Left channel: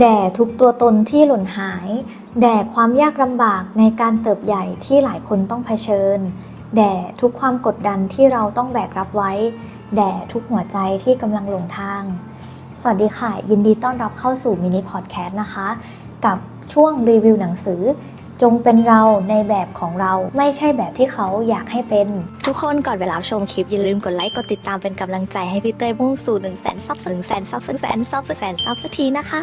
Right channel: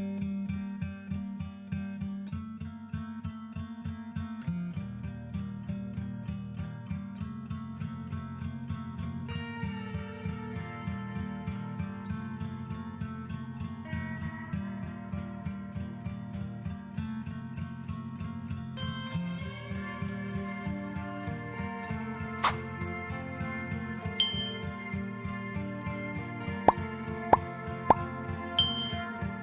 แด่ทุกตัวตนที่หล่นหาย แด่ความยากลำบากในการเติบใหญ่ที่หลายคนต้องเผชิญ แด่ทุกความกดดันที่เราต้องแบกรับไว้ แด่ทุกหัวใจที่กำลังหลงทาง สวัสดีค่ะ ยินดีต้อนรับเข้าสู่มินิพอดแคสต์นะคะ กับช่วงรีวิวหนังสือ จงเป็นเราในแบบของเราไม่ใช่แบบที่เขาอยากให้เป็น ทุกคนก่อนเวลาชมคลิป อย่าลืมกดไลค์กดติดตามเป็นกำลังใจให้พี่เต้ยมุ่งสู่1นึ่งแสนซับ1นึ่งแสนซับ1นึ่งแสนซับ1นึ่งแสนซับสักทีนะคะ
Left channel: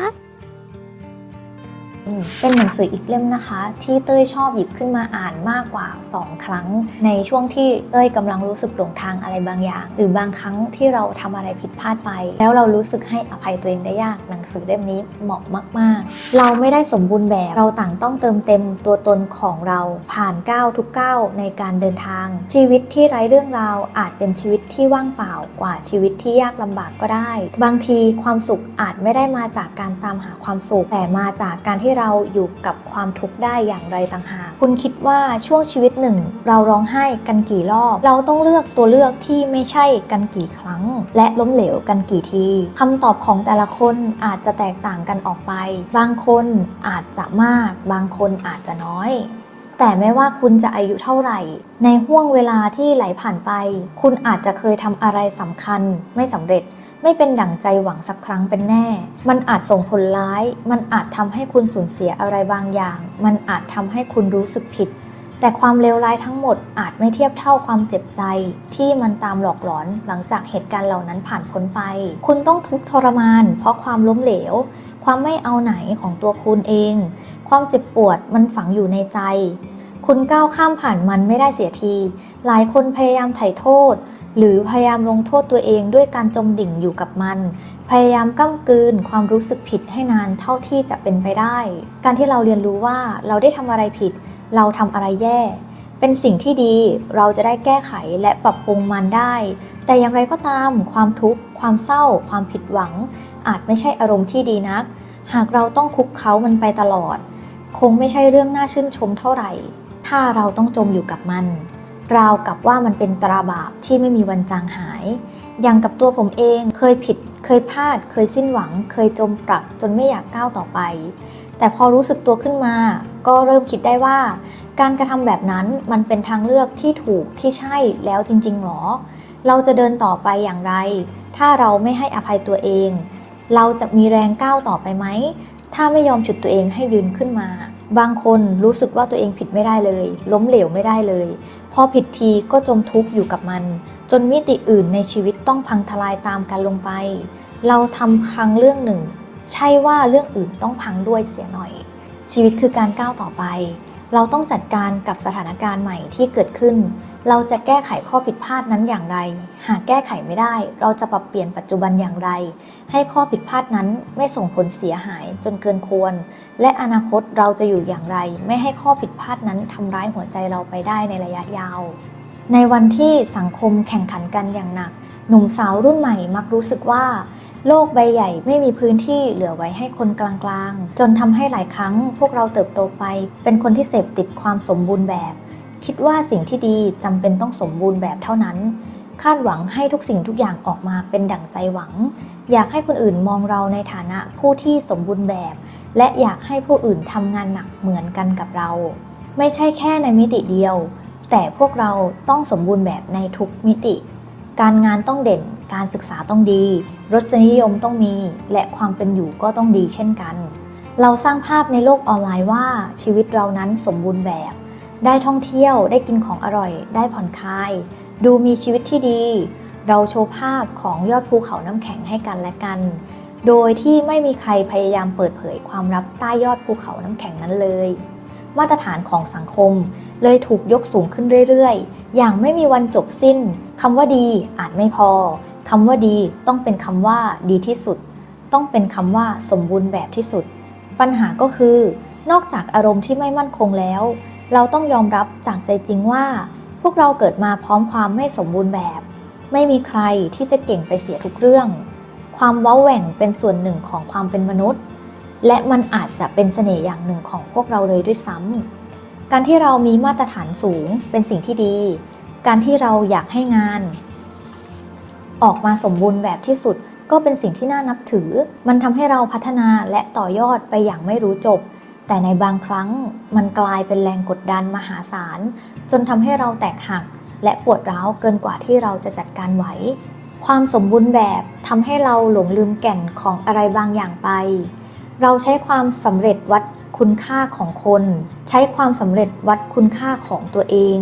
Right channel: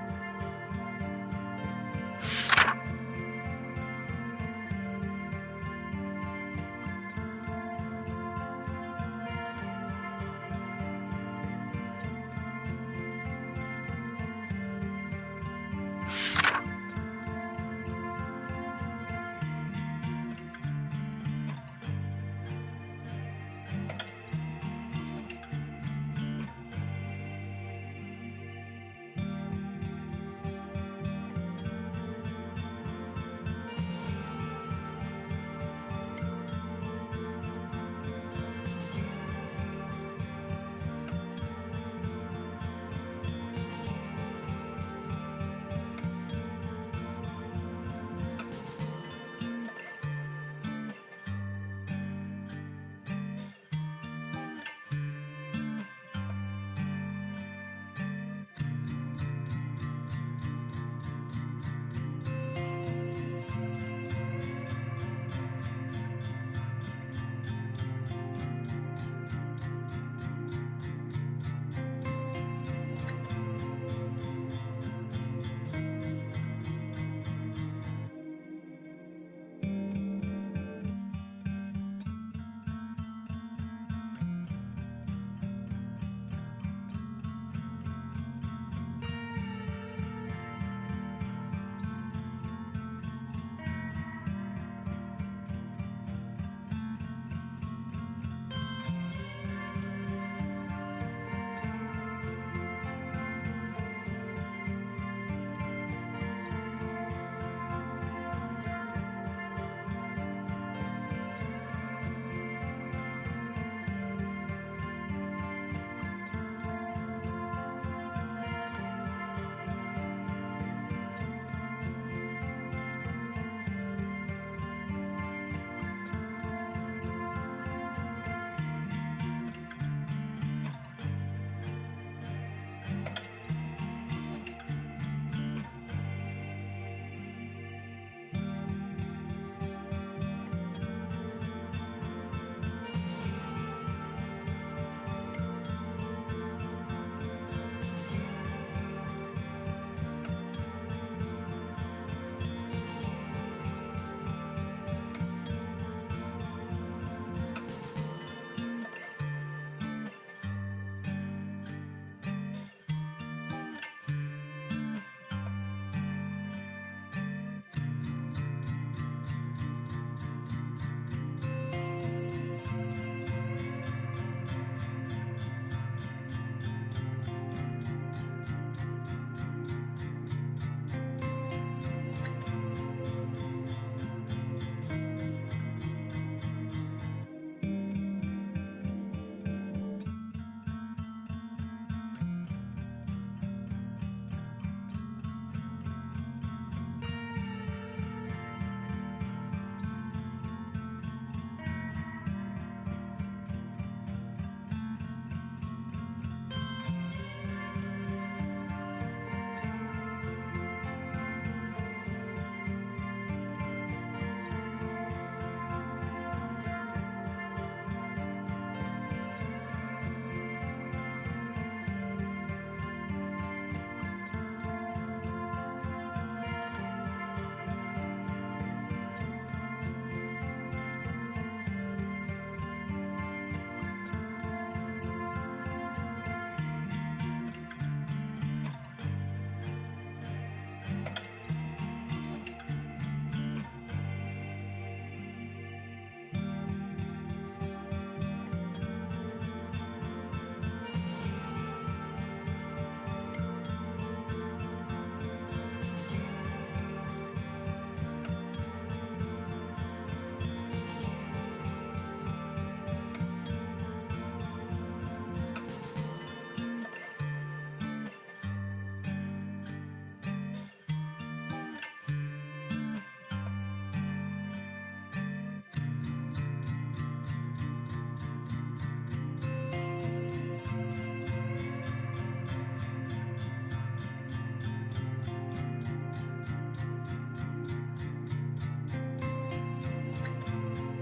เป็นหนังสืออีกเล่มนะคะ ที่เต้ยชอบหยิบขึ้นมาอ่านมากกว่า 2 ครั้ง ในช่วงที่เต้ยกำลังรู้สึกหลงทางอะไรบางอย่าง หรือบางครั้งที่เราทำอะไรผิดพลาดไป แล้วเรารู้สึกให้อภัยตัวเองได้ยากหนังสือเล่มนี้เหมาะมาก ๆ เราไม่ได้สมบูรณ์แบบเราต่างต้องเติมเต็มตัวตนของเราผ่านก้าวทุกก้าวในการเดินทาง ชีวิตที่ไร้เรื่องราวอาจเป็นชีวิตที่ว่างเปล่ากว่าชีวิตที่ยากลำบากก็ได้ บางทีความสุขอาจไม่ได้มาจากการตามหาความสุขแต่มาจากการที่เราราอยู่กับความทุกข์ได้อย่างไรต่างหาก คุณคิดว่าช่วงชีวิตหนึ่ง เราร้องไห้กันกี่รอบ เราต้องเลือกตัวเลือกที่ไม่ใช่กันกี่ครั้ง และล้มเหลวกันกี่ทีคำตอบของแต่ละคนอาจจะแตกต่างกันออกไป บางคนอาจจะมาก บางคนอาจจะน้อยแต่ไม่ว่าคุณจะอายุเท่าไหร่ ในห่วงเวลาที่ไหลผ่านไป คุณอาจจะเคยทำอะไรสำคัญไม่สำเร็จ ไม่เป็นดั่งใจหวังสักครั้งเป็นแน่ มันอาจส่งผลร้าย มันอาจทำให้คุณสูญเสียอะไรบางอย่าง มันอาจทำให้คุณรู้สึกผิด แต่ความเลวร้ายทั้งหมดอาจไม่เทียบเท่าความเจ็บใจ ที่มันตามหลอกหลอนหลังจากเหตุการณ์เหล่านั้นผ่านพ้นไป คุณต้องทุกข์ทรมาน เพราะความล้มเหลว ความไม่เอาไหนของตัวคุณเอง ความเจ็บปวดมันฝังอยู่ในใจ คุณก้าวข้ามผ่านมันไม่ได้เสียที หลายคนพยายามไถ่โทษ หรือพยายามลงโทษตัวเองด้วยการจมดิ่งอยู่กับมัน พยายามก้ำกืนความรู้สึกผิดให้นานเท่าที่จะเป็นไปได้ การที่เราเรียนรู้ว่าเราได้ทำอะไรผิด เราทำอะไรแย่ เป็นสิ่งที่ดีเราจะได้แก้ไขและปรับปรุงมันได้ แต่อย่างไรก็ตามความทุกข์ ความเศร้า ความผิดหวัง อาจไม่ใช่อารมณ์ที่ดีนัก หากเราต้องคุกเขามันไปตลอด คงไม่ใช่เรื่องน่าชื่นชมเท่าไหร่ ถ้าเราต้องจมอยู่กับมัน ราวกับว่ามันเป็นตราบาปที่ไม่มีวันจางหาย อย่างกับตัวผมเองเคยผิด เคยพลาด เคยสิ้นหวัง เคยจมปรักจนไม่อยากก้าวต่อไป แต่พอรู้สึกตัวขึ้นมา ก็เริ่มคิดได้ว่า การกระทำแบบนั้นมันเป็นทางเลือกที่ถูกที่ใช่แล้วจริง ๆหรอ เราจะเดินต่อไปอย่างไร ถ้าเราไม่ให้อภัยตัวเอง เราจะมีแรงก้าวต่อไปไหม ถ้าไม่ยอมฉุดตัวเองให้ยืนขึ้นมาบางคนรู้สึกว่าตัวเองผิดไม่ได้เลย ล้มเหลวไม่ได้เลย พอผิดทีก็จมทุกข์อยู่กับมัน จนมิติอื่นในชีวิตต้องพังทลายตามกันลงไป เราทำครั้งเรื่องหนึ่ง ใช่ว่าเรื่องอื่นต้องพังด้วยเสียหน่อย ชีวิตคือการก้าวต่อไป เราต้องจัดการกับสถานการณ์ใหม่ที่เกิดขึ้น เราจะแก้ไขข้อผิดพลาดนั้นอย่างไร หากแก้ไขไม่ได้ เราจะปรับเปลี่ยนปัจจุบันอย่างไร ให้ข้อผิดพลาดนั้นไม่ส่งผลเสียหายจนเกินควร และอนาคตเราจะอยู่อย่างไร ไม่ให้ข้อผิดพลาดนั้นทำร้ายหัวใจเราไปได้ในระยะยาว ในวันที่สังคมแข่งขันกันอย่างหนัก หนุ่มสาวรุ่นใหม่มักรู้สึกว่า โลกใบใหญ่ไม่มีพื้นที่เหลือไว้ให้คนกลางๆ จนทำให้หลายครั้งพวกเราเติบโตไป เป็นคนที่เสพติดความสมบูรณ์แบบ คิดว่าสิ่งที่ดีจำเป็นต้องสมบูรณ์แบบเท่านั้น คาดหวังให้ทุกสิ่งทุกอย่างออกมาเป็นดั่งใจหวัง อยากให้คนอื่นมองเราในฐานะผู้ที่สมบูรณ์แบบ และอยากให้ผู้อื่นทำงานหนักเหมือนกันกับเรา ไม่ใช่แค่ในมิติเดียว แต่พวกเราต้องสมบูรณ์แบบในทุกมิติ การงานต้องเด่น การศึกษาต้องดี รสนิยมต้องมี และความเป็นอยู่ก็ต้องดีเช่นกัน เราสร้างภาพในโลกออนไลน์ว่าชีวิตเรานั้นสมบูรณ์แบบ ได้ท่องเที่ยวได้กินของอร่อย ได้ผ่อนคลาย ดูมีชีวิตที่ดี เราโชว์ภาพของยอดภูเขาน้ำแข็งให้กันและกัน โดยที่ไม่มีใครพยายามเปิดเผยความลับใต้ยอดภูเขาน้ำแข็งนั้นเลยมาตรฐานของสังคม เลยถูกยกสูงขึ้นเรื่อย ๆ อย่างไม่มีวันจบสิ้น คำว่าดีอาจไม่พอ คำว่าดีต้องเป็นคำว่าดีที่สุด ต้องเป็นคำว่าสมบูรณ์แบบที่สุด ปัญหาก็คือ นอกจากอารมณ์ที่ไม่มั่นคงแล้ว เราต้องยอมรับจากใจจริงว่า พวกเราเกิดมาพร้อมความไม่สมบูรณ์แบบ ไม่มีใครที่จะเก่งไปเสียทุกเรื่อง ความว้าแหว่งเป็นส่วนหนึ่งของความเป็นมนุษย์ และมันอาจจะเป็นเสน่ห์อย่างหนึ่งของพวกเราเลยด้วยซ้ำการที่เรามีมาตรฐานสูงเป็นสิ่งที่ดี การที่เราอยากให้งาน ออกมาสมบูรณ์แบบที่สุด ก็เป็นสิ่งที่น่านับถือ มันทำให้เราพัฒนาและต่อยอดไปอย่างไม่รู้จบ แต่ในบางครั้งมันกลายเป็นแรงกดดันมหาศาล จนทำให้เราแตกหัก และปวดร้าวเกินกว่าที่เราจะจัดการไหว ความสมบูรณ์แบบทำให้เราหลงลืมแก่นของอะไรบางอย่างไป เราใช้ความสำเร็จวัดคุณค่าของคน ใช้ความสำเร็จวัดคุณค่าของตัวเอง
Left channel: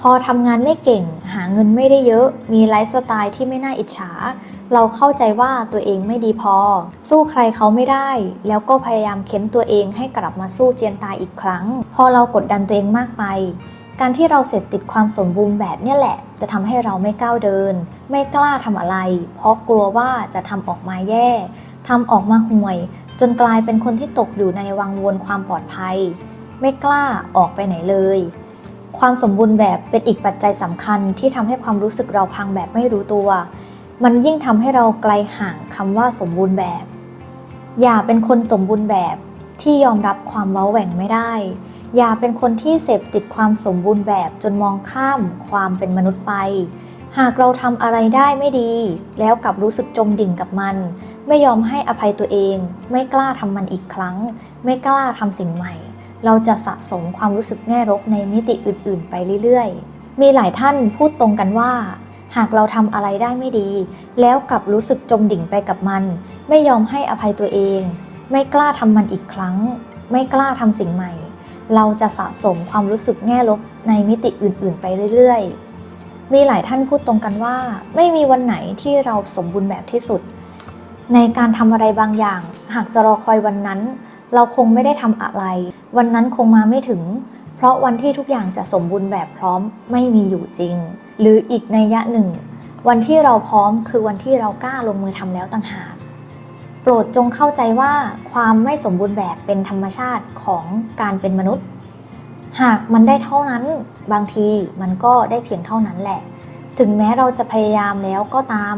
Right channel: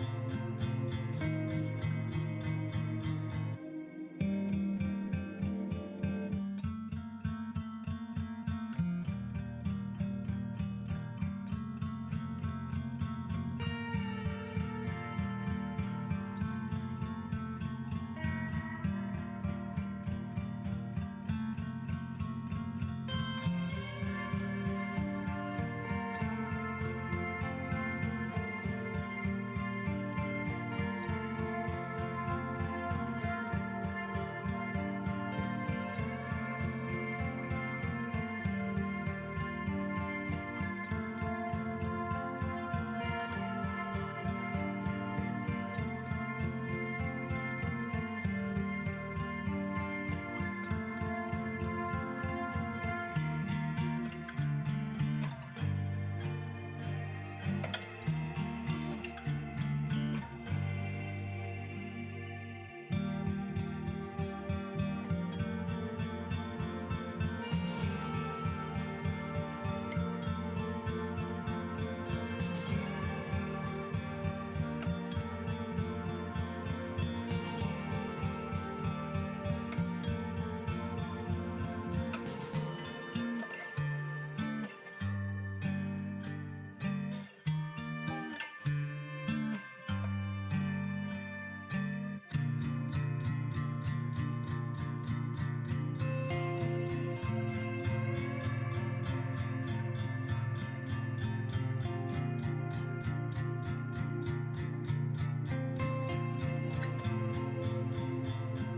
พอทำงานไม่เก่ง หาเงินไม่ได้เยอะ มีไลฟ์สไตล์ที่ไม่น่าอิจฉา เราเข้าใจว่าตัวเองไม่ดีพอ สู้ใครเขาไม่ได้ แล้วก็พยายามเค้นตัวเองให้กลับมาสู้เจียนตายอีกครั้ง พอเรากดดันตัวเองมากไป การที่เราเสพติดความสมบูรณ์แบบเนี่ยแหละ จะทำให้เราไม่ก้าวเดิน ไม่กล้าทำอะไร เพราะกลัวว่าจะทำออกมาแย่ทำออกมาห่วย จนกลายเป็นคนที่ตกอยู่ในวังวนความปลอดภัย ไม่กล้าออกไปไหนเลย ความสมบูรณ์แบบเป็นอีกปัจจัยสำคัญที่ทำให้ความรู้สึกเราพังแบบไม่รู้ตัว มันยิ่งทำให้เราไกลห่างคำว่าสมบูรณ์แบบ อย่าเป็นคนสมบูรณ์แบบที่ยอมรับความเว้าแหว่งไม่ได้ อย่าเป็นคนที่เสพติดความสมบูรณ์แบบจนมองข้ามความเป็นมนุษย์ไป หากเราทำอะไรได้ไม่ดี แล้วกลับรู้สึกจมดิ่งกับมัน ไม่ยอมให้อภัยตัวเอง ไม่กล้าทำมันอีกครั้ง ไม่กล้าทำสิ่งใหม่ เราจะสะสมความรู้สึกแง่ลบในมิติอื่น ๆ ไปเรื่อย ๆ มีหลายท่านพูดตรงกันว่า หากเราทำอะไรได้ไม่ดี แล้วกลับรู้สึกจมดิ่งไปกับมัน ไม่ยอมให้อภัยตัวเอง ไม่กล้าทำมันอีกครั้ง ไม่กล้าทำสิ่งใหม่ เราจะสะสมความรู้สึกแง่ลบในมิติอื่น ๆ ไปเรื่อย ๆ มีหลายท่านพูดตรงกันว่า ไม่มีวันไหนที่เราสมบูรณ์แบบที่สุด ในการทำอะไรบางอย่าง หากจะรอคอยวันนั้น เราคงไม่ได้ทำอะไร วันนั้นคงมาไม่ถึง เพราะวันที่ทุกอย่างจะสมบูรณ์แบบพร้อมไม่มีอยู่จริง หรืออีกในยะหนึ่ง วันที่เราพร้อมคือวันที่เรากล้าลงมือทำแล้วต่างหากโปรดจงเข้าใจว่าความไม่สมบูรณ์แบบเป็นธรรมชาติของการเป็นมนุษย์ หากมันได้เท่านั้น บางทีมันก็ได้เพียงเท่านั้นแหละ ถึงแม้เราจะพยายามแล้วก็ตาม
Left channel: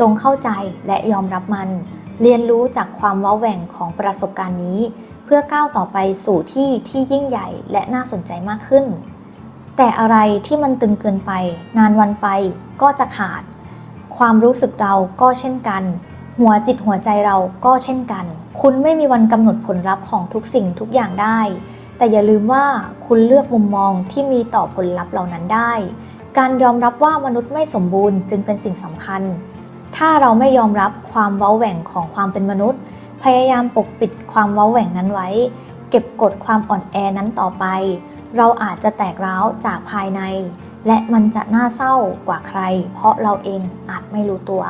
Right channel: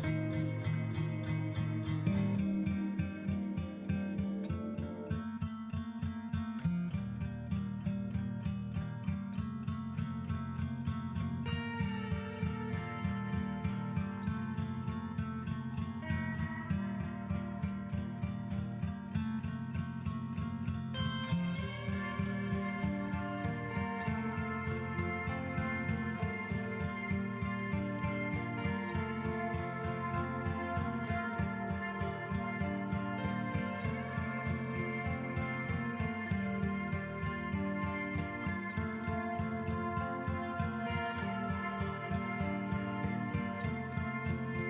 จงเข้าใจและยอมรับมัน เรียนรู้จากความว้าแหว่งของประสบการณ์นี้ เพื่อก้าวต่อไปสู่ที่ที่ยิ่งใหญ่และน่าสนใจมากขึ้น แต่อะไรที่มันตึงเกินไปนานวันไปก็จะขาด ความรู้สึกเราก็เช่นกัน หัวจิตหัวใจเราก็เช่นกัน คุณไม่มีวันกำหนดผลลัพธ์ของทุกสิ่งทุกอย่างได้ แต่อย่าลืมว่าคุณเลือกมุมมองที่มีต่อผลลัพธ์เหล่านั้นได้ การยอมรับว่ามนุษย์ไม่สมบูรณ์จึงเป็นสิ่งสำคัญ ถ้าเราไม่ยอมรับความเว้าแหว่งของความเป็นมนุษย์ พยายามปกปิดความเว้าแหว่งนั้นไว้ เก็บกดความอ่อนแอนั้นต่อไป เราอาจจะแตกร้าวจากภายใน และมันจะน่าเศร้ากว่าใคร เพราะเราเองอาจไม่รู้ตัว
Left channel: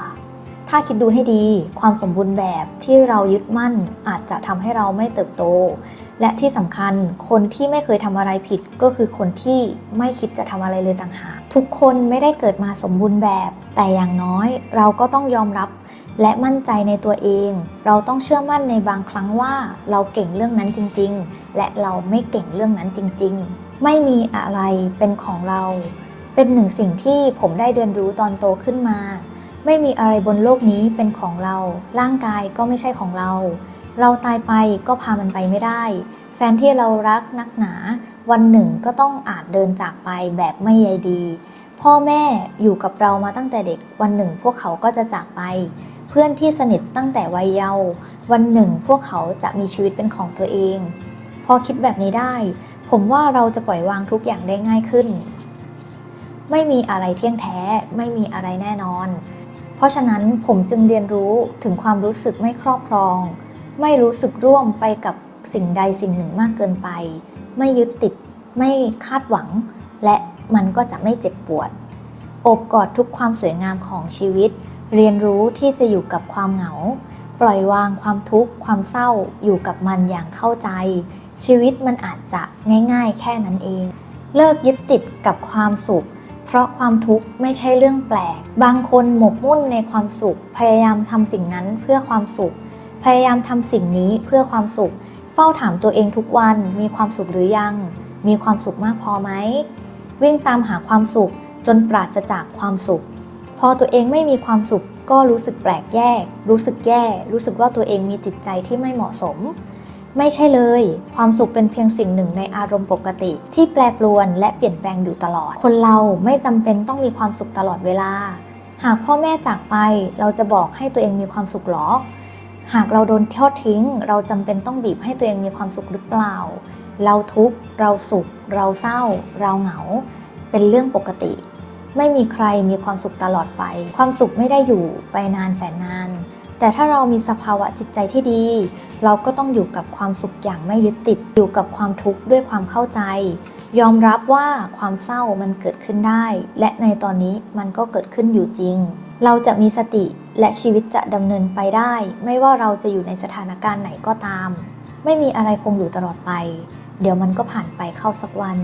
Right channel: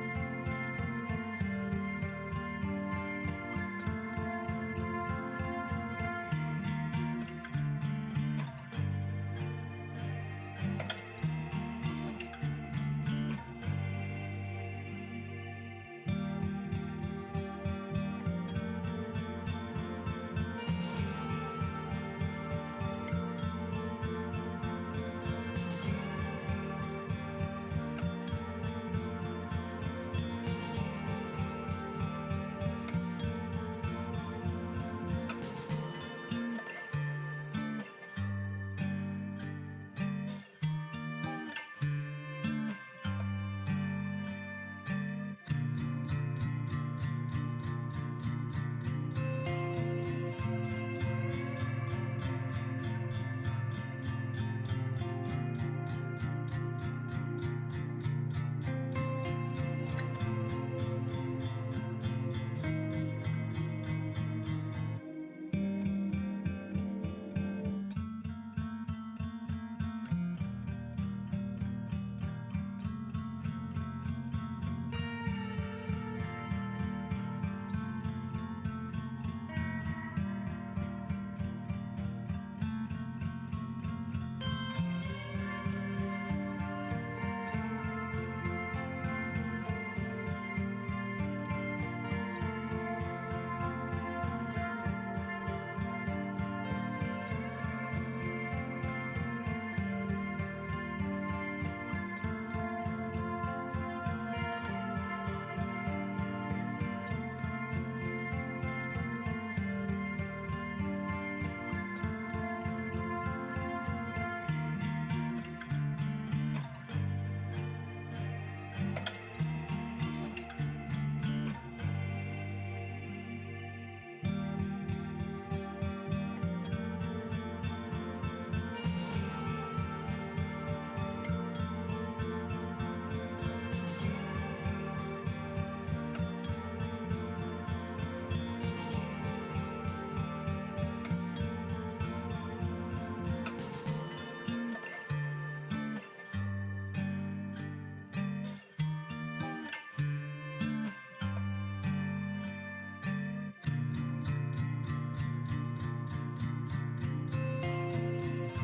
ถ้าคิดดูให้ดี ความสมบูรณ์แบบที่เรายึดมั่นอาจจะทำให้เราไม่เติบโต และที่สำคัญคนที่ไม่เคยทำอะไรผิดก็คือคนที่ไม่คิดจะทำอะไรเลยต่างหากทุกคนไม่ได้เกิดมาสมบูรณ์แบบ แต่อย่างน้อยเราก็ต้องยอมรับและมั่นใจในตัวเอง เราต้องเชื่อมั่นในบางครั้งว่าเราเก่งเรื่องนั้นจริง ๆ และเราไม่เก่งเรื่องนั้นจริง ๆ ไม่มีอะไรเป็นของเรา เป็นหนึ่งสิ่งที่ผมได้เรียนรู้ตอนโตขึ้นมา ไม่มีอะไรบนโลกนี้เป็นของเรา ร่างกายก็ไม่ใช่ของเรา เราตายไปก็พามันไปไม่ได้ แฟนที่เรารักนักหนา วันหนึ่งก็ต้องอาจเดินจากไปแบบไม่ใยดี พ่อแม่อยู่กับเรามาตั้งแต่เด็ก วันหนึ่งพวกเขาก็จะจากไป เพื่อนที่สนิทตั้งแต่วัยเยาว์วันหนึ่งพวกเขาจะมีชีวิตเป็นของตัวเอง พอคิดแบบนี้ได้ ผมว่าเราจะปล่อยวางทุกอย่างได้ง่ายขึ้น ไม่มีอะไรเที่ยงแท้ ไม่มีอะไรแน่นอน เพราะฉะนั้นผมจึงเรียนรู้ถึงความรู้สึกไม่ครอบครอง ไม่รู้สึกร่วมไปกับสิ่งใดสิ่งหนึ่งมากเกินไป ไม่ยึดติด ไม่คาดหวัง และมันก็จะไม่เจ็บปวด อบกอดทุกความสวยงามของชีวิต เรียนรู้ที่จะอยู่กับความเหงา ปล่อยวางความทุกข์ความเศร้าอยู่กับมันอย่างเข้าใจ ชีวิตมันอาจจะง่าย ๆ แค่นั้นเอง เลิกยึดติดกับความสุขเพราะความทุกข์ไม่ใช่เรื่องแปลก บางคนหมกมุ่นในความสุข พยายามทำสิ่งนั้นเพื่อความสุข พยายามทำสิ่งนี้เพื่อความสุข เฝ้าถามตัวเองทุกวัน มีความสุขหรือยัง มีความสุขมากพอไหม วิ่งตามหาความสุขจนปราศจากความสุข พอตัวเองไม่มีความสุขก็รู้สึกแปลกแยก รู้สึกแย่ รู้สึกว่าตัวเองมีจิตใจที่ไม่เหมาะสม ไม่ใช่เลย ความสุขเป็นเพียงสิ่งหนึ่งในอารมณ์ปกติ ที่แปรปรวนและเปลี่ยนแปลงอยู่ตลอด คนเราไม่จำเป็นต้องมีความสุขตลอดเวลา หากพ่อแม่จากไปเราจะบอกให้ตัวเองมีความสุขหรอ หากเราโดนทอดทิ้ง เราจำเป็นต้องบีบให้ตัวเองมีความสุขหรือเปล่า เราทุกข์ เราสุข เราเศร้า เราเหงา เป็นเรื่องปกติ ไม่มีใครมีความสุขตลอดไป ความสุขไม่ได้อยู่ไปนานแสนนาน แต่ถ้าเรามีสภาวะจิตใจที่ดี เราก็ต้องอยู่กับความสุขอย่างไม่ยึดติด อยู่กับความทุกข์ด้วยความเข้าใจ ยอมรับว่าความเศร้ามันเกิดขึ้นได้ และในตอนนี้มันก็เกิดขึ้นอยู่จริง เราจะมีสติและชีวิตจะดำเนินไปได้ ไม่ว่าเราจะอยู่ในสถานการณ์ไหนก็ตาม ไม่มีอะไรคงอยู่ตลอดไป เดี๋ยวมันก็ผ่านไปเข้าสักวัน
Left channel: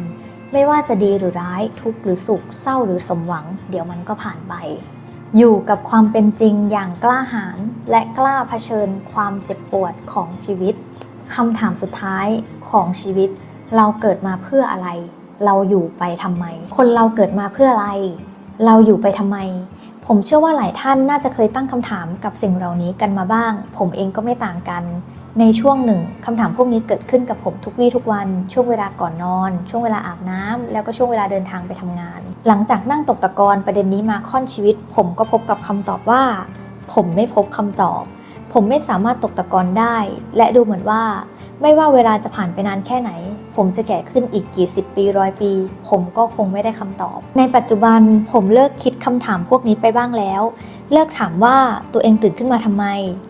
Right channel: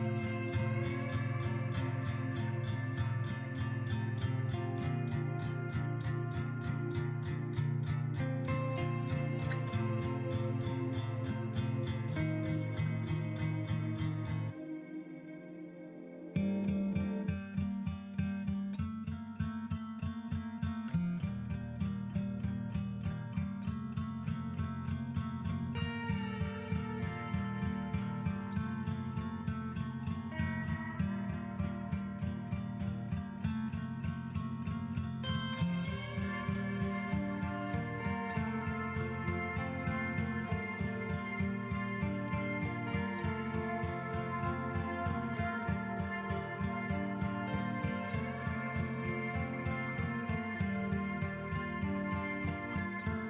ไม่ว่าจะดีหรือร้ายทุกข์หรือสุข เศร้าหรือสมหวัง เดี๋ยวมันก็ผ่านไป อยู่กับความเป็นจริงอย่างกล้าหาญและกล้าเผชิญความเจ็บปวดของชีวิตคำถามสุดท้ายของชีวิต เราเกิดมาเพื่ออะไร เราอยู่ไปทำไม คนเราเกิดมาเพื่ออะไร เราอยู่ไปทำไม ผมเชื่อว่าหลายท่านน่าจะเคยตั้งคำถามกับสิ่งเหล่านี้กันมาบ้าง ผมเองก็ไม่ต่างกัน ในช่วงหนึ่งคำถามพวกนี้เกิดขึ้นกับผมทุกวี่ทุกวัน ช่วงเวลาก่อนนอน ช่วงเวลาอาบน้ำแล้วก็ช่วงเวลาเดินทางไปทำงาน หลังจากนั่งตกตะกอนประเด็นนี้มาค่อนชีวิต ผมก็พบกับคำตอบว่า ผมไม่พบคำตอบ ผมไม่สามารถตกตะกอนได้ และดูเหมือนว่า ไม่ว่าเวลาจะผ่านไปนานแค่ไหน ผมจะแก่ขึ้นอีกกี่สิบปีร้อยปี ผมก็คงไม่ได้คำตอบ ในปัจจุบันผมเลิกคิดคำถามพวกนี้ไปบ้างแล้ว เลิกถามว่าตัวเองตื่นขึ้นมาทำไม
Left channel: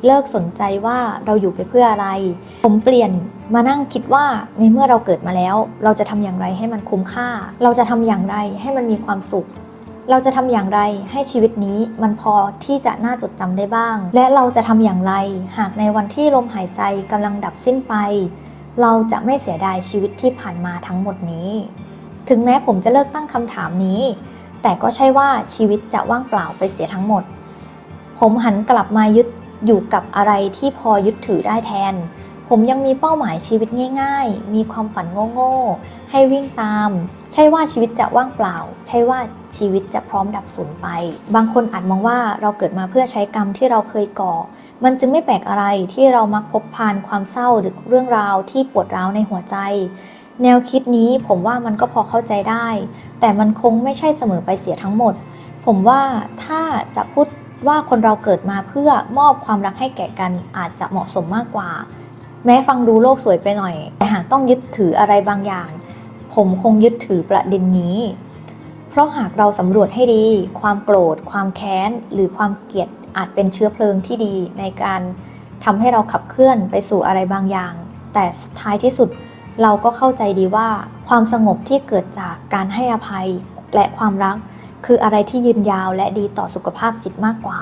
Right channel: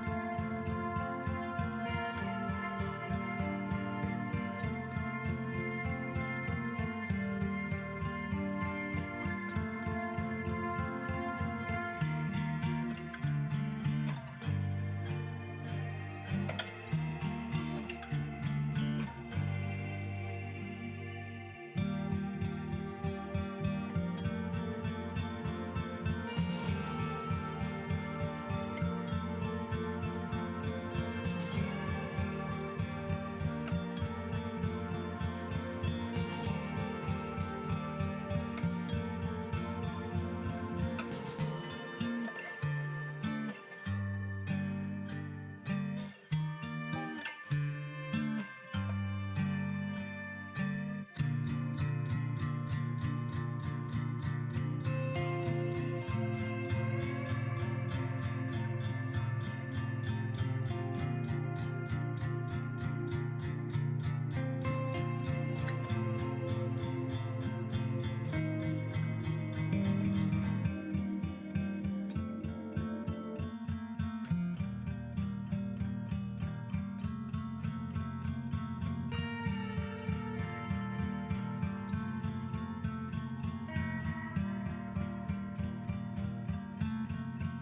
เลิกสนใจว่าเราอยู่ไปเพื่ออะไร ผมเปลี่ยนมานั่งคิดว่าในเมื่อเราเกิดมาแล้ว เราจะทำอย่างไรให้มันคุ้มค่า เราจะทำอย่างไรให้มันมีความสุข เราจะทำอย่างไรให้ชีวิตนี้มันพอที่จะน่าจดจำได้บ้าง และเราจะทำอย่างไร หากในวันที่ลมหายใจกำลังดับสิ้นไป เราจะไม่เสียดายชีวิตที่ผ่านมาทั้งหมดนี้ ถึงแม้ผมจะเลิกตั้งคำถามนี้ แต่ก็ใช่ว่าชีวิตจะว่างเปล่าไปเสียทั้งหมด ผมหันกลับมายึดอยู่กับอะไรที่พอยึดถือได้แทน ผมยังมีเป้าหมายชีวิตง่าย ๆ มีความฝันโง่ๆให้วิ่งตาม ใช่ว่าชีวิตจะว่างเปล่า ใช่ว่า ชีวิตจะพร้อมดับสูญไป บางคนอาจมองว่าเราเกิดมาเพื่อใช้กรรมที่เราเคยก่อ มันจึงไม่แปลกอะไรที่เรามักพบพานความเศร้าหรือเรื่องราวที่ปวดร้าวในหัวใจ แนวคิดนี้ผมว่ามันก็พอเข้าใจได้ แต่มันคงไม่ใช่เสมอไปเสียทั้งหมด ผมว่าถ้าจะพูดว่าคนเราเกิดมาเพื่อมอบความรักให้แก่กันอาจจะเหมาะสมมากกว่า แม้ฟังดูโลกสวยไปหน่อย แต่หากต้องยึดถืออะไรบางอย่าง ผมคงยึดถือประเด็นนี้ ราะหากเราสำรวจให้ดี ความโกรธ ความแค้น หรือความเกลียดอาจเป็นเชื้อเพลิงที่ดีในการทำให้เราขับเคลื่อนไปสู่อะไรบางอย่าง แต่ท้ายที่สุดเราก็เข้าใจดีว่า ความสงบที่เกิดจากการให้อภัยและความรัก คืออะไรที่ยืนยาวและดีต่อสุขภาพจิตมากกว่า